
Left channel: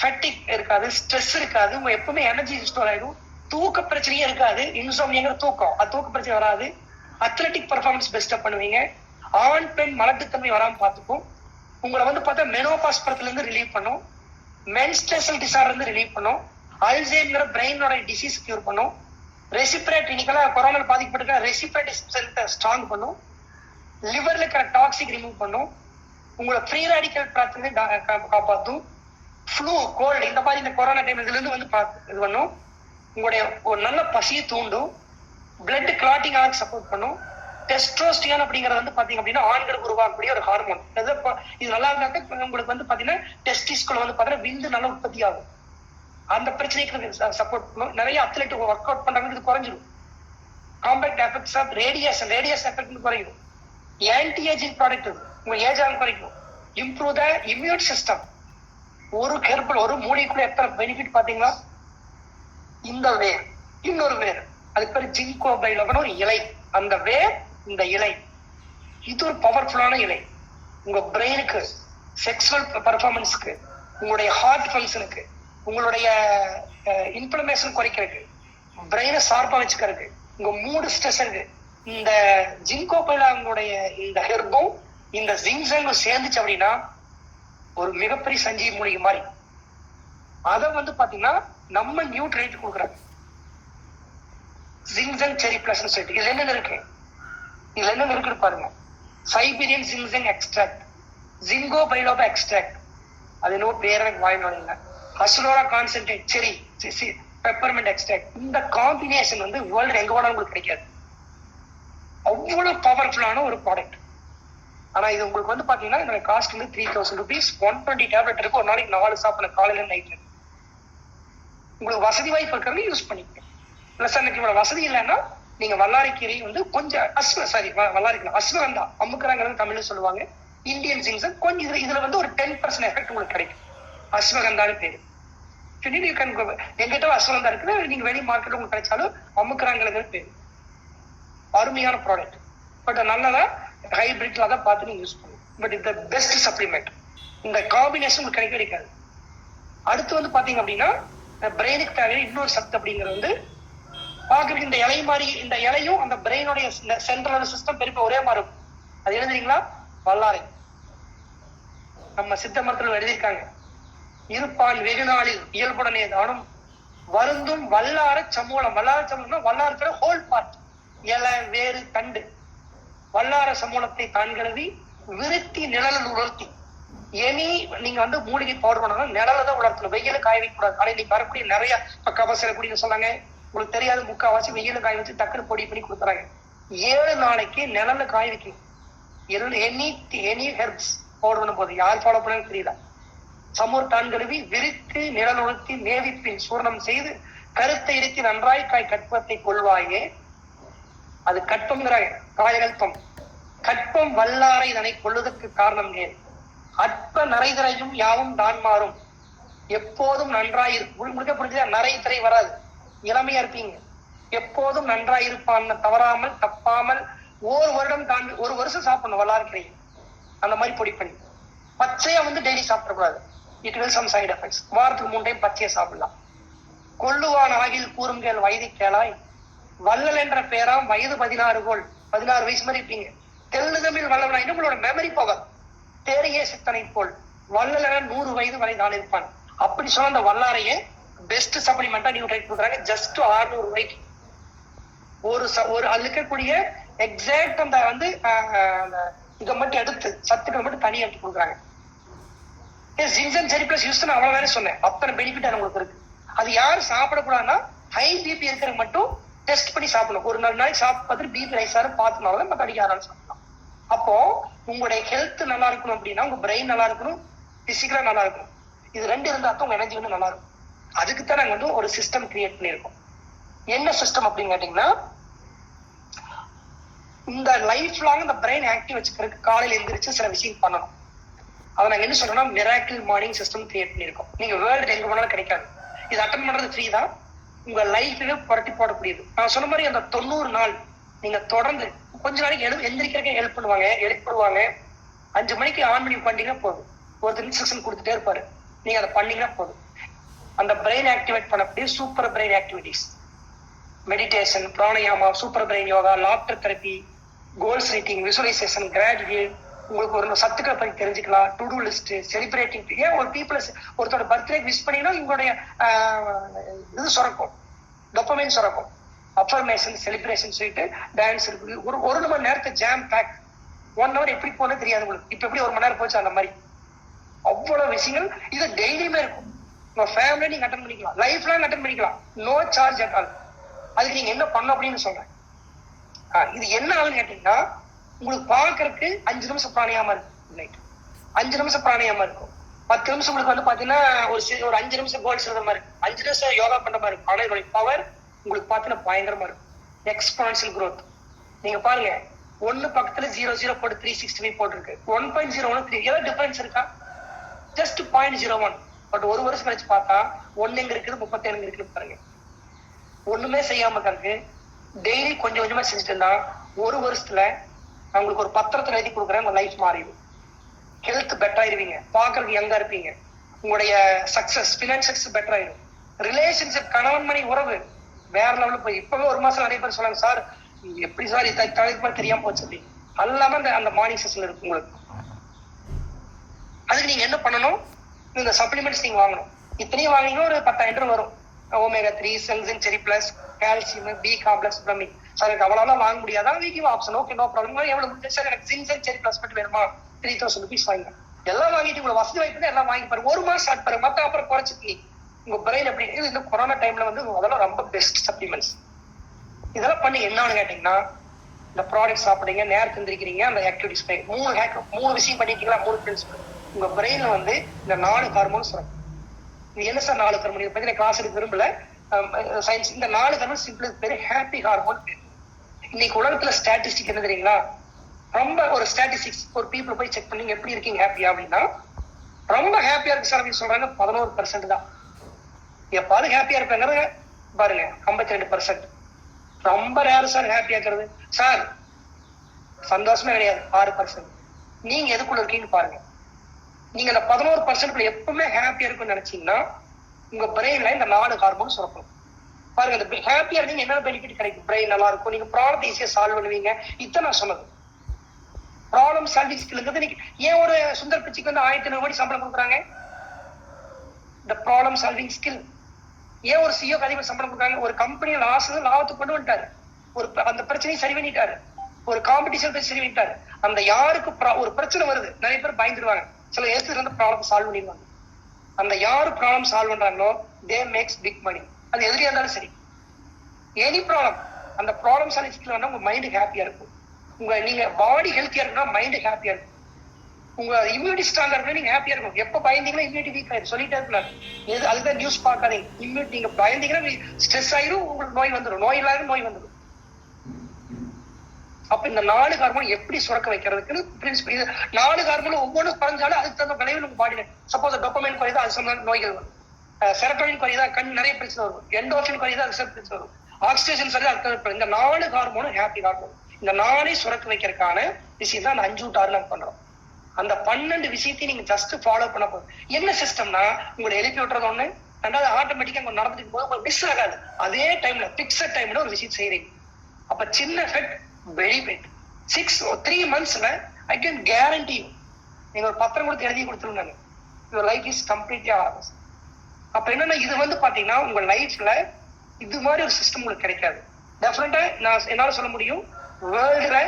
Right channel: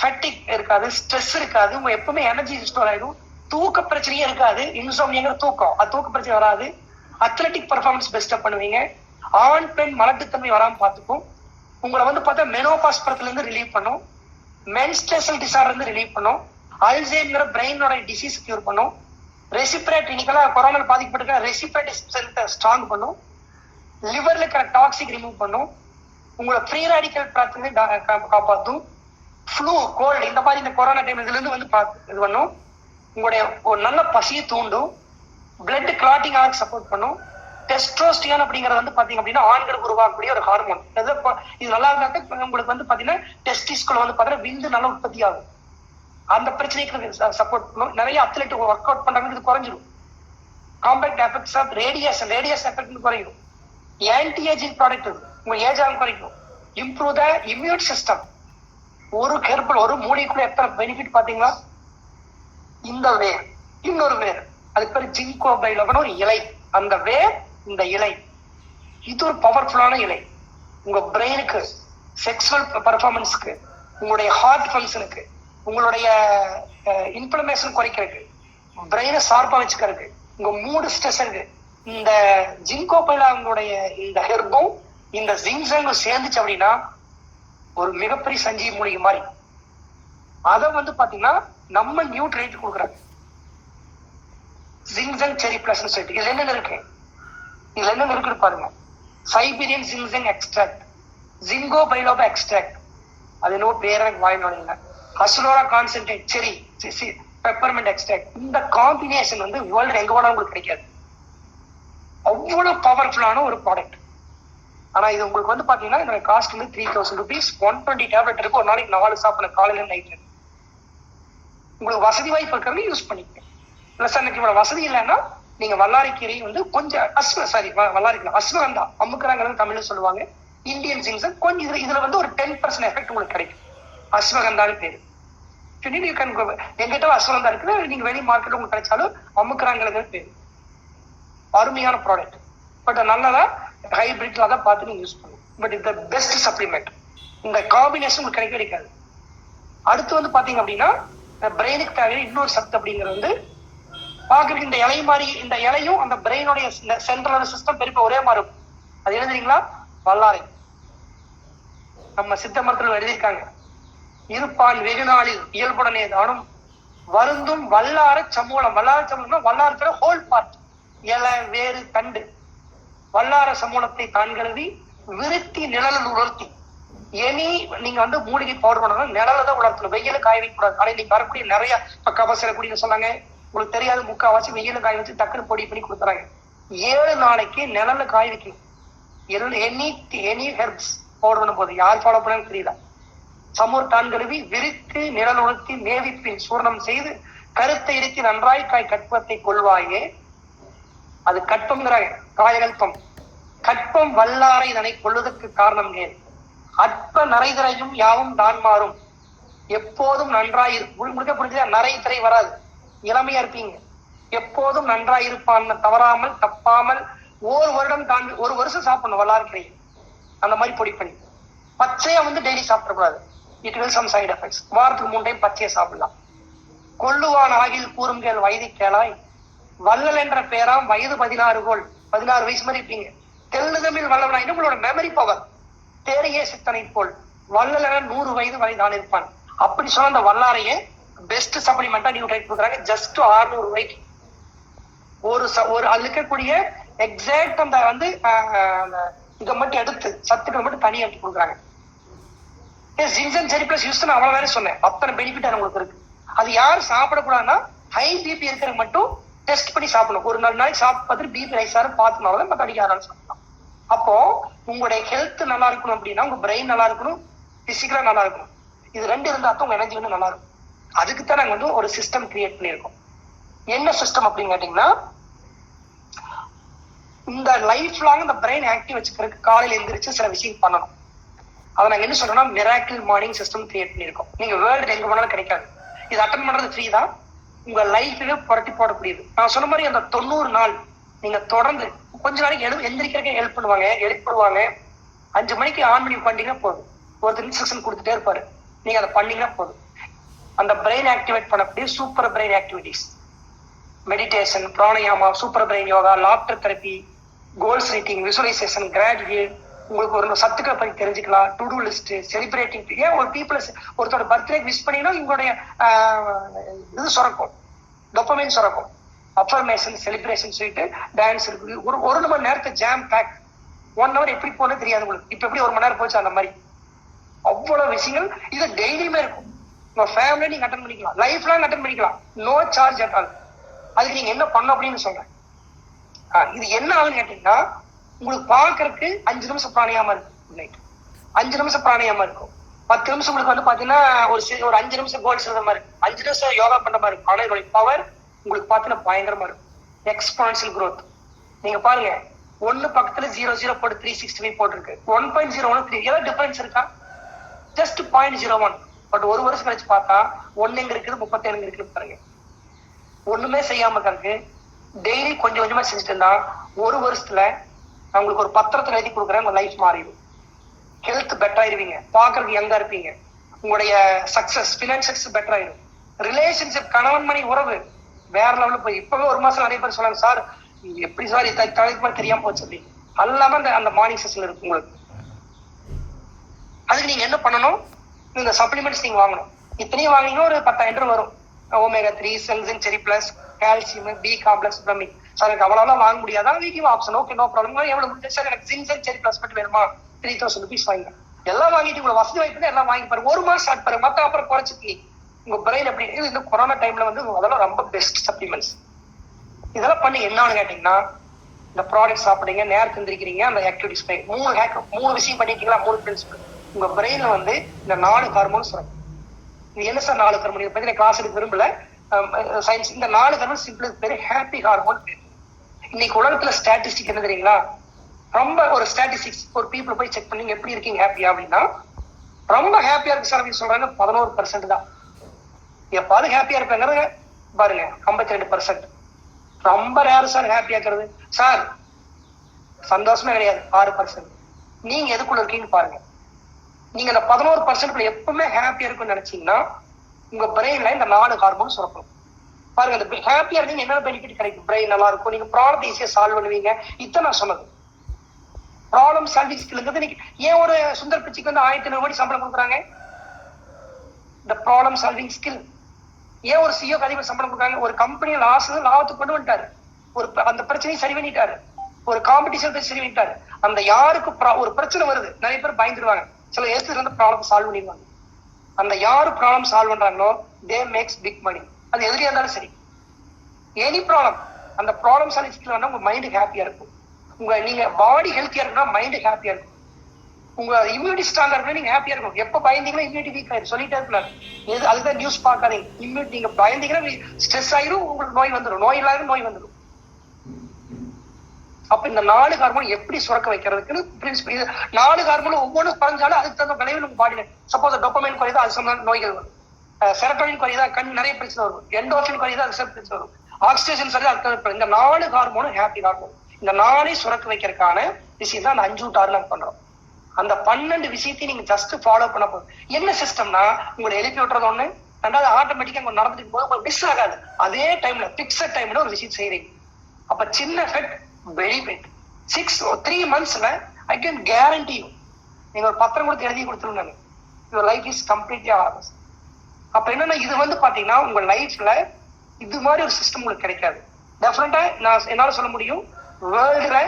ஃபேட்டிக் இருக்காது, ஸ்ட்ரெஸ் இருக்காது, உங்க எப்பவுமே எனர்ஜி ஸ்டோர் ஆயிடும், தூக்க பிரச்சனையே இருக்காது. இன்சோம்னியாங்கிற தூக்கம், அது தூக்க பிரச்சனை வராது. அத்லட்டிக் பர்ஃபார்மன்ஸ் பெஸ்டா பண்ணுவீங்க. ஆண் பெண் மலட்டுத்தன்மை வராம பார்த்துக்கும். உங்களை வந்து பார்த்தா மெனோபாஸ் படத்துல இருந்து ரிலீவ் பண்ணும். மென்ஸ்ட்ரேஷனல் டிசார்டர் வந்து ரிலீவ் பண்ணும். அல்சைமர் பிரெயினோட டிசீஸ் கியூர் பண்ணும். ரெசிபிரேட் இன்னைக்கெல்லாம் கொரோனா பாதிக்கப்பட்டிருக்க ரெசிபிரேட் ஸ்ட்ராங் பண்ணும். லிவர்ல இருக்கிற டாக்ஸிக் ரிமூவ் பண்ணும். உங்களோட ஃப்ரீ ரேடிக்கல் பிரச்சனை காப்பாற்றும். ஃப்ளூ கோல்டு இந்த மாதிரி இந்த கொரோனா டைம் இதுல இருந்து வந்து இது பண்ணும். உங்களுடைய ஒரு நல்ல பசியை தூண்டும். பிளட் கிளாட்டிங் ஆக சப்போர்ட் பண்ணும். டெஸ்ட்ரோஸ்டிரான் அப்படிங்கறது வந்து பாத்தீங்க அப்படின்னா ஆண்களுக்கு உருவாக்கக்கூடிய ஒரு ஹார்மோன். இது நல்லா இருந்தாக்க உங்களுக்கு வந்து பாத்தீங்கன்னா டெஸ்டிஸ்குள்ள வந்து பாத்தீங்கன்னா விந்து நல்லா உற்பத்தி ஆகும். அந்த பிரச்சனைக்கு சப்போர்ட் பண்ணும். நிறைய அத்லெட் ஒர்க் அவுட் பண்றாங்க, இது குறைஞ்சிடும். Compact effects of radiation effect குறையும். ஆன்டி ஏஜிங் ப்ராடக்ட் உங்க ஏஜ் ஆகும் குறைக்கும். Improve the immune system. ஒரு கெர்பல் ஒரு மூலிக்குள்ள எத்தனை பெனிஃபிட் பாத்தீங்களா? இந்த வேர் இன்னொரு வேர், அது பேர் ஜிங்கோ பைலோபன் ஒரு இலை. அந்த வேர் இந்த இலை இது ஒரு பவர்ஃபுல்லான இலை. உங்க பிரெயினுக்கு, செக்ஷுவல் பெர்ஃபார்மன்ஸ்க்கு, உங்களுடைய ஹார்ட் ஃபங்க்ஷனுக்கு, உங்களுடைய இன்ஃப்ளமேஷன் குறைக்கிறதுக்கு, பிரெயினை ஷார்ப்பா வச்சுக்கிறதுக்கு, உங்க மூடு ஸ்ட்ரெஸ் இருக்கு. இந்த ஜிங்கோ பைலாவுடைய இந்த ஹெர்பும் இந்த ஜிங்ஸங்கும் சேர்ந்துச்சு அப்படின்னா ஒரு மிகப்பெரிய சஞ்சீவி மூலிகை மாதிரி. அதை வந்து பாத்தீங்கன்னா நம்ம நியூட்ரேட் கொடுக்குறாங்க. ஜிங்ஸங் செரி பிளஸ் சொல்லிட்டு இதுல என்ன இருக்கு, இதுல என்ன இருக்குன்னு பாருங்க. சைபீரியன் ஜிங்ஸங் எக்ஸ்ட்ராக்ட், ஜிங்கோ பைலோபா எக்ஸ்ட்ராக்ட், அது என்னவோ பேர வாயினோட இல்லை, அசுலோரா கான்சென்ட்ரேட் செரி பெப்பர்மெண்ட் எக்ஸ்ட்ராக்ட். இந்த காம்பினேஷன் வந்து வேர்ல்டு எங்க போனா உங்களுக்கு கிடைக்காது. அவ்வளவு பவர்ஃபுல்லான ஒரு ப்ராடக்ட். ஆனா இது உங்களுக்கு வந்து பாத்தீங்கன்னா என்னோட காஸ்ட் வந்து 3000 rupees. 120 டேப்லெட் இருக்கு. ஒரு நாளைக்கு 4 சாப்பிடணும், காலையில நைட்ல. உங்களுக்கு வசதி வாய்ப்பு இருக்கிறது யூஸ் பண்ணிக்க. பிளஸ் அன்னைக்கு இவ்வளவு வசதி இல்லைன்னா நீங்க வல்லாரிக்கீரை வந்து கொஞ்சம் அஸ்வகந்தா அமுக்குறாங்கிறது தமிழ்ல சொல்லுவாங்க. இந்தியன் ஜிங்ஸங் கொஞ்சம் இதுல வந்து ஒரு 10% எஃபெக்ட் உங்களுக்கு கிடைக்கும். அஸ்வகந்தான்னு பேரு. எங்கிட்ட அஸ்வகந்தா இருக்குது, நீங்க வெளி மார்க்கெட் உங்களுக்கு கிடைச்சாலும் அமுக்குறாங்கிறது பேரு. அருமையான ப்ராடக்ட். பட் நல்லதா ஹைபிரிட்ல தான் பார்த்து நீங்க யூஸ் பண்ணுங்க. பட் இந்த பெஸ்ட் சப்ளிமெண்ட். இந்த காம்பினேஷன் உங்களுக்கு கிடைக்காது. அடுத்து வந்து பாத்தீங்க அப்படின்னா பிரெயினுக்கு தேவையான இன்னொரு சத்து அப்படிங்கிறது வந்து பாக்குறதுக்கு இந்த இலை மாதிரி, இந்த இலையும் அந்த பிரெயினுடைய சென்ட்ரல் சிஸ்டம் பெருப்ப ஒரே மாதிரி இருக்கும். அது எழுதுறீங்களா? வல்லாரை. நம்ம சித்த மருத்துவர்கள் எழுதியிருக்காங்க. இருப்பான் வெகு நாளில் இயல்புடனே தானும் வருந்தும் வல்லார சமூலம். வல்லார சமூலம்னா வல்லாரத்துல ஹோல் பார்ட், இலை வேறு தண்டு. வல்லார சமூலத்தை தான் கழுவி விருத்தி நிழலில் உலர்த்தி. எனி நீங்க வந்து மூலிகை பவுடர் பண்ணணும், நிழல தான் உலர்த்தணும், வெயில காய வைக்க கூடாது. ஆனா நீங்க வரக்கூடிய நிறைய கபசர குடின்னு சொன்னாங்க, உங்களுக்கு தெரியாது, முக்காவாசி வெயில காய வச்சு டக்குனு பொடி பண்ணி கொடுத்துறாங்க. 7 நாளைக்கு நிழல்ல காய வைக்கணும். எனி ஹெர்ப்ஸ் பவுடர் பண்ணும் போது யார் ஃபாலோ பண்ண தெரியல. சமூர் தான் கழுவி விரித்து நிழல் உலர்த்தி மேவிப்பின் சூர்ணம் செய்து கருத்தை இறுத்தி நன்றாய் காய் கற்பத்தை கொள்வாயே. அது கற்பம்ங்கிறாங்க, காயகல்பம். கற்பம் வல்லாரை இதனை கொள்வதற்கு காரணம் ஏன்? அற்ப நரைதிரையும் யாவும் தான் மாறும், எப்போதும் நன்றாயிருக்கும். முழுக்க புரிஞ்சா நரை திரை வராது, இளமையா இருப்பீங்க. எப்போதும் நன்றாயிருப்பான், தவறாமல் தப்பாமல். ஒரு வருஷம் சாப்பிடணும் வல்லாரை. அந்த மாதிரி பொடி பண்ணி பச்சையா வந்து டெய்லி சாப்பிடக்கூடாது. It will some side effects. வாரத்துக்கு 3 டைம் பச்சையை சாப்பிடலாம். கொள்ளுவான் ஆகில் கூறுங்கேள் வயது கேளாய். வள்ளல் என்ற பேராம் வயது 16 வயசு மாதிரி இருப்பீங்க. தெலுங்கு தமிழ் வல்லவனா உங்களோட மெமரி பவர் தேரையே சித்தனை போல். வள்ளல் 100 வயது வரை தான் இருப்பான். அப்படி சொன்ன அந்த வல்லாரையே பெஸ்ட் சப்ளிமெண்டா நீங்க ட்ரை கொடுக்குறாங்க. ஜஸ்ட் 600 ரூபாய்க்கு ஒரு அது இருக்கக்கூடிய எக்ஸாக்ட் அந்த வந்து இதை மட்டும் எடுத்து சத்துக்களை மட்டும் தனியா எடுத்து கொடுக்குறாங்க. ஜிங்ஸங் செரி பிளஸ் யூஸ் அவ்வளவு வேலை சொன்னேன். அத்தனை பெனிஃபிட் உங்களுக்கு இருக்கு. அது யாரும் சாப்பிடக்கூடாதுன்னா ஹை பிபி இருக்கிறது மட்டும் டெஸ்ட் பண்ணி சாப்பிடணும். ஒரு 4 நாளைக்கு சாப்பிட்டு பார்த்துட்டு பிபி ரைஸ் ஆகும் பார்த்துனால மற்ற அடிக்க ஆரம்பிச்சு சாப்பிடலாம். அப்போ உங்களுடைய ஹெல்த் நல்லா இருக்கணும் அப்படின்னா உங்க பிரெயின் நல்லா இருக்கணும், பிசிக்கலா நல்லா இருக்கணும். இது 2 இருந்தா தான் உங்க எனர்ஜி வந்து நல்லா இருக்கும். அதுக்குத்தான் நாங்க வந்து ஒரு சிஸ்டம் கிரியேட் பண்ணியிருக்கோம். என்ன சிஸ்டம் அப்படின்னு கேட்டீங்கன்னா, இந்த லைஃப் லாங் இந்த பிரெயின் ஆக்டிவ் வச்சுக்கிறதுக்கு காலையில எந்திரிச்சு சில விஷயம் பண்ணணும். அதை நாங்க என்ன சொல்றோம்னா மிராக்கிள் மார்னிங் சிஸ்டம் கிரியேட் பண்ணியிருக்கோம். நீங்க வேர்ல்டு எங்க போனாலும் கிடைக்காது. இது அட்டன் பண்றது ஃப்ரீ தான். உங்க லைஃப்ல புரட்டி போடக்கூடியது. நான் சொன்ன மாதிரி அந்த 90 நாள் நீங்க தொடர்ந்து கொஞ்ச நாளைக்கு எந்திரிக்கிறதுக்கே ஹெல்ப் பண்ணுவாங்க, எழுப்பிடுவாங்க. 5 மணிக்கு ஆன் பண்ணி பண்ணிட்டீங்கன்னா போதும். ஒருத்தர் இன்ஸ்ட்ரக்ஷன் கொடுத்துட்டே இருப்பாரு, நீங்க அதை பண்ணீங்கன்னா போதும். அந்த பிரெயின் ஆக்டிவேட் பண்ணக்கூடிய super brain activities, meditation, pranayama, super brain yoga, laughter therapy, goal setting, visualisation, gratitude, உங்களுக்கு ஒரு சத்துக்களை பத்தி தெரிஞ்சுக்கலாம். To do list, celebrating. ஏன் ஒரு ஒருத்தோட பர்த்டே விஷ் பண்ணினா உங்களுடைய இது சுரக்கும், டோபமைன் சுரக்கும். அஃபர்மேஷன், செலிப்ரேஷன் சொல்லிட்டு டான்ஸ் இருக்கு. ஒரு மணி நேரத்தை ஜாம் பேக். 1 hour எப்படி போனது தெரியாது உங்களுக்கு. இப்ப எப்படி 1 மணி நேரம் போச்சு அந்த மாதிரி அவ்வளவு விஷயங்கள் இது டெய்லியுமே இருக்கும். உங்க ஃபேமிலியை நீங்க அட்டன் பண்ணிக்கலாம், லைஃப் லாங் அட்டன் பண்ணிக்கலாம், நோ சார்ஜ் அட் ஆல். அதுக்கு நீங்க என்ன பண்ணணும் அப்படின்னு சொல்றேன். இது என்ன ஆகுன்னு கேட்டீங்கன்னா, உங்களுக்கு பாக்குறதுக்கு 5 நிமிஷம் பிராணியாம இருக்கு, 5 நிமிஷம் பிராணியாம இருக்கும். 10 நிமிஷம் உங்களுக்கு வந்து பாத்தீங்கன்னா ஒரு 5 நிமிஷம் கோல் சொல்ற மாதிரி இருக்கும், 5 நிமிஷம் யோகா பண்ற மாதிரி இருக்கும். ஆனா இதோட பவர் உங்களுக்கு பாத்தீங்கன்னா பயங்கரமா இருக்கும். Exponential growth. நீங்க பாருங்க, 1 பக்கத்துல 0 போட்டு 365 போட்டிருக்கு. 1.01 3 ஏதாவது டிஃபரன்ஸ் இருக்கா? ஜஸ்ட் 0.01. பட் ஒரு வருஷம் கழிச்சு பார்த்தா 1 எங்க இருக்குது, 37 எங்க இருக்குது பாருங்க. ஒண்ணுமே செய்யாம இருக்கு. டெய்லி கொஞ்சம் கொஞ்சமா செஞ்சுட்டு இருந்தா ஒரு வருஷத்துல நான் உங்களுக்கு ஒரு பத்திரத்துல எழுதி கொடுக்குறேன், உங்க லைஃப் மாறிடும். ஹெல்த் பெட்டர் ஆயிருவீங்க, பாக்குறதுக்கு யங்கா இருப்பீங்க, உங்களுடைய சக்சஸ், பினான்சியல் பெட்டர் ஆயிடும். ரிலேஷன்ஷிப், கணவன் மணி உறவு வேற லெவலில் போய் இப்பவே ஒரு மாசம் நிறைய பேர் சொன்னாங்க, சார் எப்படி சார் தலைப்பு தெரியாம போச்சு அப்படின்னு. அல்லாம அந்த மார்னிங் செஷன்ல இருக்கு உங்களுக்கு. அதுக்கு நீங்க என்ன பண்ணணும், இந்த சப்ளிமெண்ட்ஸ் நீங்க வாங்கணும். இத்தனையும் வாங்கினீங்கன்னா ஒரு 10,000 வரும். ஒமேகா 3, சென்சின், செரி பிளஸ், கால்சியம், பி காம்ப்ளெக்ஸ், பிரமிக். சார் எனக்கு அவ்வளவு வாங்க முடியாதா? வீக்கிங் ஆப்ஷன், ஓகே நோ ப்ராப்ளம். எவ்வளவு முடிஞ்சு சார் எனக்கு சின்சன், செரி பிளஸ் மட்டும் வேணுமா? 3,000 rupees வாங்க. எல்லாம் வாங்கிட்டு உங்களை வசதி வாய்ப்பு எல்லாம் வாங்கி பாருங்க. ஒரு மாசம் ஸ்டார்ட் பாருங்க, மத்த அப்புறம் குறைச்சிட்டு உங்க பிரெயின் எப்படி. இது இந்த கொரோனா டைம்ல வந்து அதெல்லாம் ரொம்ப பெஸ்ட் சப்ளிமெண்ட்ஸ். இதெல்லாம் பண்ணி என்னன்னு கேட்டீங்கன்னா, இந்த ப்ராடக்ட் சாப்பிடுங்க, நேரத்தை எந்திரிக்கிறீங்க, அந்த ஆக்டிவிட்டிஸ் 3 விஷயம் பண்ணிட்டீங்களா? 3 பிரின்சிபல். உங்க பிரெயின்ல வந்து இந்த 4 ஹார்மோன்ஸ் வரும். இது என்ன சார் 4 ஹார்மோன்? இதை பத்தி நான் கிளாஸ் எடுக்க விரும்பல, சயின்ஸ். இந்த 4 ஹார்மோன் சிம்பிள் பேரு ஹாப்பி ஹார்மோன். இன்னைக்கு உலகத்துல ஸ்டாட்டிஸ்டிக் என்ன தெரியுங்களா? ரொம்ப ஒரு ஸ்டாட்டிஸ்டிக்ஸ் ஒரு பீப்புள் போய் செக் பண்ணி எப்படி இருக்கீங்க ஹாப்பியா அப்படின்னா, ரொம்ப ஹாப்பியா இருக்கு சார் அப்படின்னு சொல்றாங்க 11% தான். எப்பாவது ஹாப்பியா இருப்பாங்க பாருங்க 52%. ரொம்ப ரேர் சார் ஹாப்பியா இருக்கிறது. சார் சந்தோஷமே கிடையாது 6%. நீங்க எதுக்குள்ள இருக்கீங்கன்னு பாருங்க. நீங்க இந்த 11% எப்பவுமே ஹாப்பியா இருக்குன்னு நினைச்சீங்கன்னா உங்க பிரெயின்ல இந்த 4 ஹார்மோன் சுரக்கும். பாருங்க, இந்த ஹாப்பியா இருக்கு என்ன பெனிஃபிட் கிடைக்கும்? பிரெயின் நல்லா இருக்கும், நீங்க ப்ராப்ளம் ஈஸியா சால்வ் பண்ணுவீங்க. இத்தனை நான் சொன்னது ப்ராப்ளம் சால்விங் ஸ்கில். ஏன் ஒரு சுந்தர் பிச்சைக்கு வந்து 1,500 கோடி சம்பளம் கொடுக்குறாங்க? இந்த ப்ராப்ளம் சால்விங் ஸ்கில். ஏன் ஒரு சிஓ அதிபர் சம்பளம் கொடுக்குறாங்க? ஒரு கம்பெனியை லாபத்துக்கு கொண்டு வந்துட்டாரு, அந்த பிரச்சனையை சரி பண்ணிட்டாரு, ஒரு காம்படிஷன் சரி பண்ணிட்டாரு. அந்த யாருக்கு ஒரு பிரச்சனை வருது, நிறைய பேர் பயந்துருவாங்க, சில ஏத்துல இருந்து ப்ராப்ளம் சால்வ் பண்ணிடுவாங்க. அந்த யாரு ப்ராப்ளம் சால்வ் பண்றாங்களோ தே மேக்ஸ் பிக் மணி. அது எதிரியா இருந்தாலும் சரி, எனி ப்ராப்ளம், அந்த ப்ராப்ளம் சால்விங் ஸ்கில் வந்தா உங்க மைண்ட் ஹாப்பியா இருக்கும். நீங்க பாடி ஹெல்த்தியா இருக்குன்னா மைண்ட் ஹாப்பியா இருக்கும். உங்க இம்யூனிட்டி ஸ்ட்ராங்கா இருக்கணும், நீங்க ஹாப்பியா இருக்கணும். எப்ப பயந்தீங்கன்னா இம்யூனிட்டி வீக் ஆயிடும், சொல்லிட்டே இருக்கலாம். அதுதான் நியூஸ் பார்க்காதீங்க. இம்யூனிட்டி நீங்க பயந்தீங்கன்னா ஸ்ட்ரெஸ் ஆயிரும், உங்களுக்கு நோய் வந்துடும், நோய் இல்லாத நோய் வந்துடும். அப்ப இந்த 4 ஹார்மோன் எப்படி சுரக்க வைக்கிறதுக்குன்னு பிரின்சிபல். 4 ஹார்மோன் ஒவ்வொன்றும் குறைஞ்சாலும் அதுக்கு தகுந்த விளைவு நம்ம பாடியில. சப்போஸ் டோபமைன் குறையுதா, அது சம்பந்த நோய்கள் வரும். செரட்டோனின் குறையுதா, கண் நிறைய பிரச்சனை வரும். எண்டோர்பின் குறையுதா, அது பிரச்சனை வரும். ஆக்சிடேஷன் சரியா, அதுக்கு இந்த 4 ஹார்மோனும் ஹாப்பி ஹார்மோன். இந்த 4 சுரக்க வைக்கிறதுக்கான விஷயம் தான் அந்த 5 to 6 நாங்க பண்றோம். அந்த 12 விஷயத்தையும் நீங்க ஜஸ்ட் ஃபாலோ பண்ண போதும். என்ன சிஸ்டம்னா, உங்களை எழுப்பி விட்டுறது ஒண்ணு, ரெண்டாவது ஆட்டோமேட்டிக்கா உங்க நடந்துட்டு போது உங்களுக்கு மிஸ் ஆகாது. அதே டைம்ல பிக்சட் டைம்ல ஒரு விஷயம் செய்யறீங்க. அப்ப சின்ன எஃபெக்ட், வெரி பிக். 3 monthsல ஐ கேன் கேரண்டி யூ, நீங்க ஒரு பத்திரம் கொடுத்து எழுதி கொடுத்துருங்க, your life is completely always. அப்ப என்னன்னா, இது வந்து பாத்தீங்கன்னா உங்க லைஃப்ல இது மாதிரி ஒரு சிஸ்டம் உங்களுக்கு கிடைக்காது. டெஃபினட்டா நான் என்னால சொல்ல முடியும், வேர்ல்டுல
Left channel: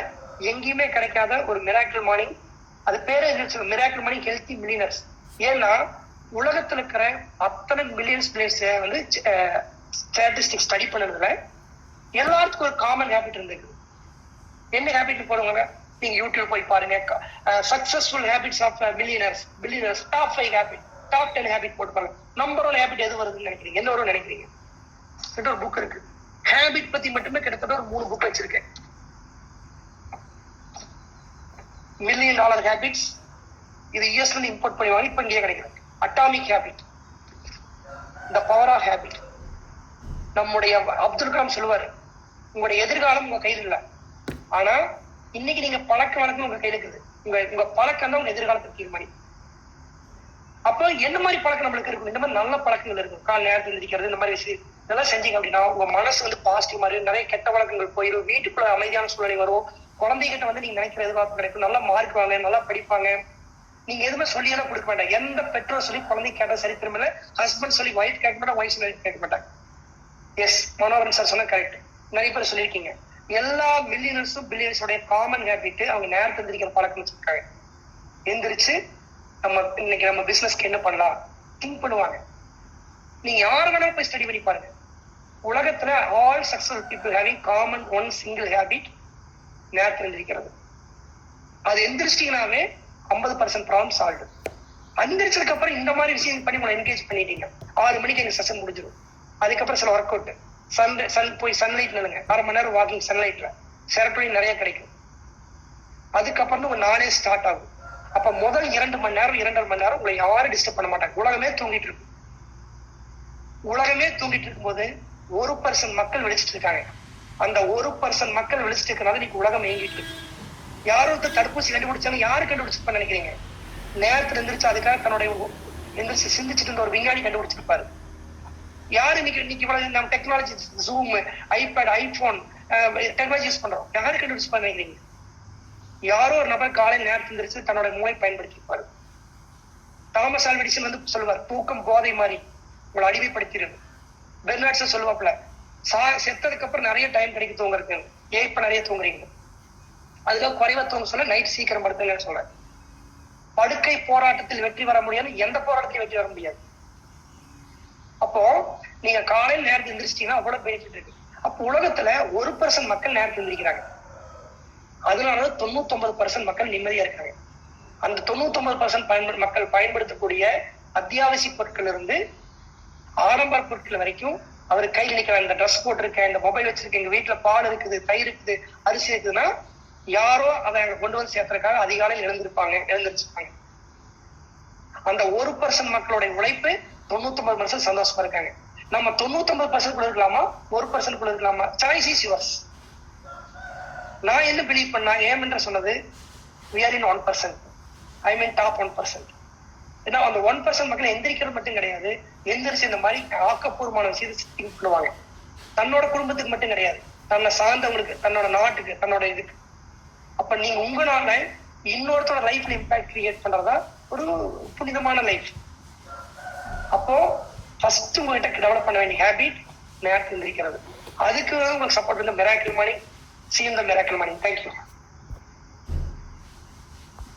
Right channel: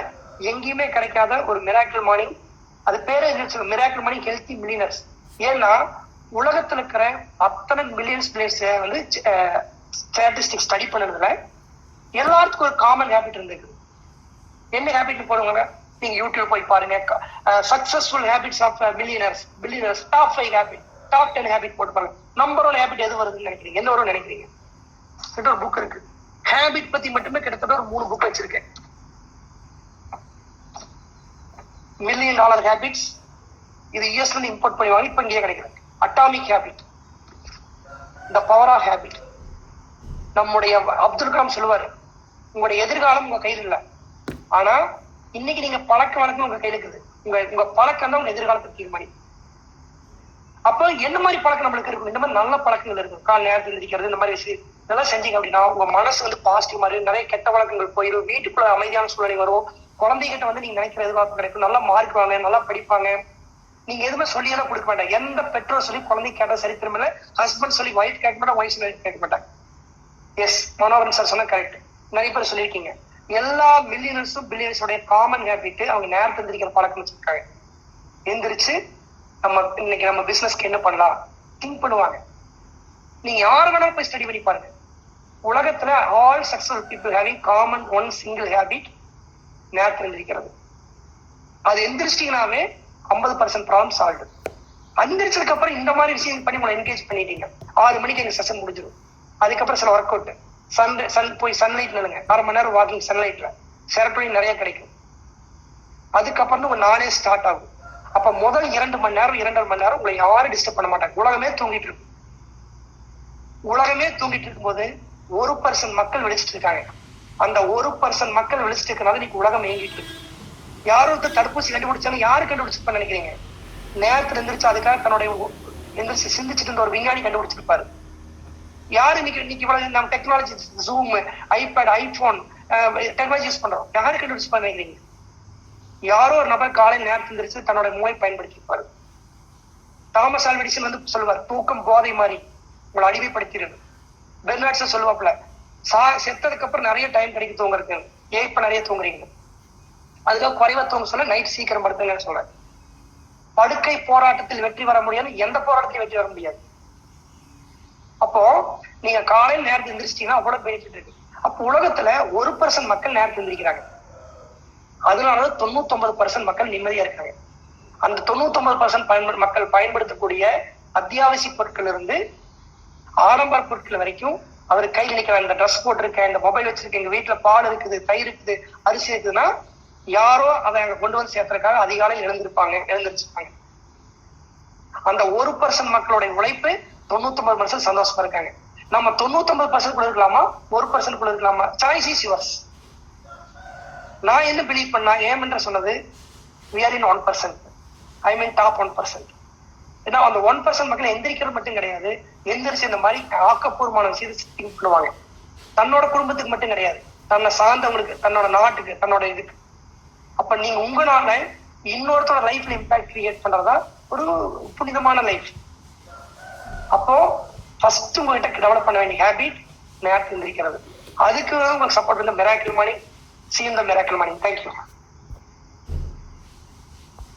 எங்கேயுமே கிடைக்காத ஒரு மிராக்கிள் மார்னிங். அது பேரே மிராக்கிள் மார்னிங் ஹெல்த்தி மில்லியனர்ஸ். ஏன்னா உலகத்துல இருக்கிற அத்தனை மில்லியன்ஸ் வந்து ஸ்டாட்டிஸ்டிக்ஸ் ஸ்டடி பண்ணதுல எல்லாத்துக்கும் ஒரு காமன் ஹேபிட் இருந்திருக்கு. என்ன ஹேபிட் போடுவாங்க? நீங்க யூடியூப் போய் பாருங்க, successful habits of billionaires top 5 habit, top 10 habit போட்டு பாருங்க. நம்பர் 1 ஹேபிட் எது வருதுன்னு நினைக்கிறீங்க? என்ன வரும்னு நினைக்கிறீங்க? ஒரு புக் இருக்கு, ஹேபிட் பத்தி மட்டுமே கிட்டத்தட்ட ஒரு 3 புக் வச்சிருக்கேன். $1 million ஹேபிட்ஸ், இது யூஎஸ்ல இருந்து இம்போர்ட் பண்ணுவாங்க, இப்ப இங்கே கிடைக்கிறது. Atomic habit, the power of habit. நம்முடைய அப்துல் கலாம் சொல்லுவாரு, உங்களுடைய எதிர்காலம் உங்க கையில் இல்லை, ஆனா இன்னைக்கு நீங்க பழக்க வழக்கம் உங்க கையில இருக்குது. உங்க பழக்கம் தான் உங்க எதிர்காலத்தை தீர்மானி. அப்போ என்ன மாதிரி பழக்கம் நம்மளுக்கு இருக்கும்? இந்த மாதிரி நல்ல பழக்கங்கள் இருக்கும். கால் நேரத்தில் இருக்கிறது, இந்த மாதிரி விஷயம் இதெல்லாம் செஞ்சீங்க அப்படின்னா உங்க மனசு வந்து பாசிட்டிவ் மாதிரி, நிறைய கெட்ட வழக்கங்கள் போயிடும், வீட்டுக்குள்ள அமைதியான சூழ்நிலை வரும், குழந்தைகிட்ட வந்து நீங்க நினைக்கிற எதிர்பார்ப்பு கிடைக்கும், நல்லா மார்க் வாங்க, நல்லா படிப்பாங்க, நீங்க எதுவுமே சொல்லியெல்லாம் கொடுக்க மாட்டாங்க. எந்த பெற்றோர் சொல்லி குழந்தை கேட்ட சரித்திரம் இல்ல, ஹஸ்பண்ட் சொல்லி ஒய்ஃப் கேட்க மாட்டாங்க, ஒய்ஃப் சொல்லி கேட்க மாட்டாங்க. எஸ், மனோகரன் சார் சொன்ன கரெக்ட். நிறைய பேர் சொல்லியிருக்கீங்க. எல்லா மில்லியனர்ஸும் பில்லியனர்ஸோடைய காமன் ஹேபிட் அவங்க நேரத்தை எந்திரிக்கிற பழக்கம் வச்சிருக்காங்க. எந்திரிச்சு இன்னைக்கு நம்ம பிசினஸ்க்கு என்ன பண்ணலாம் திங்க் பண்ணுவாங்க. நீங்க யார் வேணாலும் போய் ஸ்டடி பண்ணி பாருங்க. உலகத்துல all successful people having common one single habit, நேரத்தை எந்திரிக்கிறது. அது எந்திரிச்சிட்டீங்கன்னாவே 50% ப்ராப்ளம் சால்வ். எந்திரிச்சதுக்கு அப்புறம் இந்த மாதிரி விஷயம் பண்ணி உங்களை என்கேஜ் பண்ணிட்டீங்க. 6 மணிக்கு எங்க செஷன் முடிஞ்சிடும். அதுக்கப்புறம் சில ஒர்க் அவுட், போய் சன்லைட் நிலுங்க, 1/2 மணி நேரம் வாக்கிங் சன்லைட்ல, செரட்டோனின் நிறைய கிடைக்கும். அதுக்கப்புறம் உங்க நானே ஸ்டார்ட் ஆகும். அப்ப முதல் 2 மணி நேரம் 2.5 மணி நேரம் உங்களை யாரும் டிஸ்டர்ப் பண்ண மாட்டாங்க. உலகமே தூங்கிட்டு இருக்கும். உலகமே தூங்கிட்டு இருக்கும்போது 1% மக்கள் விழிச்சிட்டு இருக்காங்க. அந்த 1% மக்கள் விழிச்சிட்டு இருக்கனால இன்னைக்கு உலகம் இயங்கிட்டு இருக்கு. யாரும் ஒருத்தர் தடுப்பூசி கண்டுபிடிச்சாலும் யாரு கண்டுபிடிச்சிருப்பா நினைக்கிறீங்க? நேரத்துல எந்திரிச்சு அதுக்காக தன்னுடைய எந்திரிச்சு சிந்திச்சுட்டு இருந்த ஒரு விஞ்ஞானி கண்டுபிடிச்சிருப்பாரு. யாரு இன்னைக்கு இவ்வளவு நம்ம technology, zoom, iPad, iPhone technology use பண்றோம், யாரு கண்டுபிடிச்சிருப்பா நினைக்கிறீங்க? யாரோ ஒரு நபர் காலை நேரத்தில் எந்திரிச்சு தன்னோட மூளை பயன்படுத்திருப்பாரு. தாமஸ் ஆல்வா எடிசன் வந்து சொல்லுவார், தூக்கம் போதை மாதிரி உங்களை அடிமைப்படுத்திடுது. பெர்னார்ட்ஸ் சொல்லுவாப்ல, செத்ததுக்கு அப்புறம் நிறைய டைம் கிடைக்கும் தூங்குறதுக்கு, ஏன் இப்ப நிறைய தூங்குறீங்க? அதுக்காக குறைவா தூங்க சொல்ல நைட் சீக்கிரம் படுத்துங்கன்னு சொல்ற. படுக்கை போராட்டத்தில் வெற்றி வர முடியாது, எந்த போராட்டத்திலும் வெற்றி வர முடியாது. அப்போ நீங்க காலையில் நேரத்தில் எந்திரிச்சிட்டீங்கன்னா அவ்வளவு பெனிஃபிட் இருக்கு. அப்போ உலகத்துல 1% மக்கள் நேரத்தில் எந்திரிக்கிறாங்க. அதனால 99% மக்கள் நிம்மதியா இருக்காங்க. அந்த 99% மக்கள் பயன்படுத்தக்கூடிய அத்தியாவசிய பொருட்கள் இருந்து ஆடம்பர பொருட்கள் வரைக்கும் அவர் கையில் நினைக்கிற இந்த ட்ரெஸ் போட்டிருக்கேன், இந்த மொபைல் வச்சிருக்கேன், எங்க வீட்டுல பால் இருக்குது, தயிர் இருக்குது, அரிசி இருக்குதுன்னா யாரோ அதை அங்க கொண்டு வந்து சேர்த்துறதுக்காக அதிகாலையில் எழுந்திருச்சிருப்பாங்க. அந்த 1% மக்களுடைய உழைப்பு 99% சந்தோஷமா இருக்காங்க. நம்ம 99% இருக்கலாமா, 1% இருக்கலாமா? Choice is yours. நான் என்ன பிலீவ் பண்ணா, ஏம் என்று சொன்னது we are in 1%, I mean top 1%. ஏன்னா அந்த 1% மக்கள் எந்திரிக்கிறது மட்டும் கிடையாது, எந்திரிச்சு இந்த மாதிரி ஆக்கப்பூர்வமான விஷயத்தை திங்க் பண்ணுவாங்க. தன்னோட குடும்பத்துக்கு மட்டும் கிடையாது, தன்னை சார்ந்தவங்களுக்கு, தன்னோட நாட்டுக்கு, தன்னோட இதுக்கு. அப்ப நீங்க உங்களால இன்னொருத்தோட லைஃப்ல இம்பாக்ட் கிரியேட் பண்றதா ஒரு புனிதமான லைஃப். அப்போ ஃபர்ஸ்ட் உங்ககிட்ட டெவலப் பண்ண வேண்டிய ஹேபிட் நேரத்தில் எந்திரிக்கிறது. அதுக்கு உங்களுக்கு சப்போர்ட் பண்ண miracle money. See you in the miracle money. Thank you.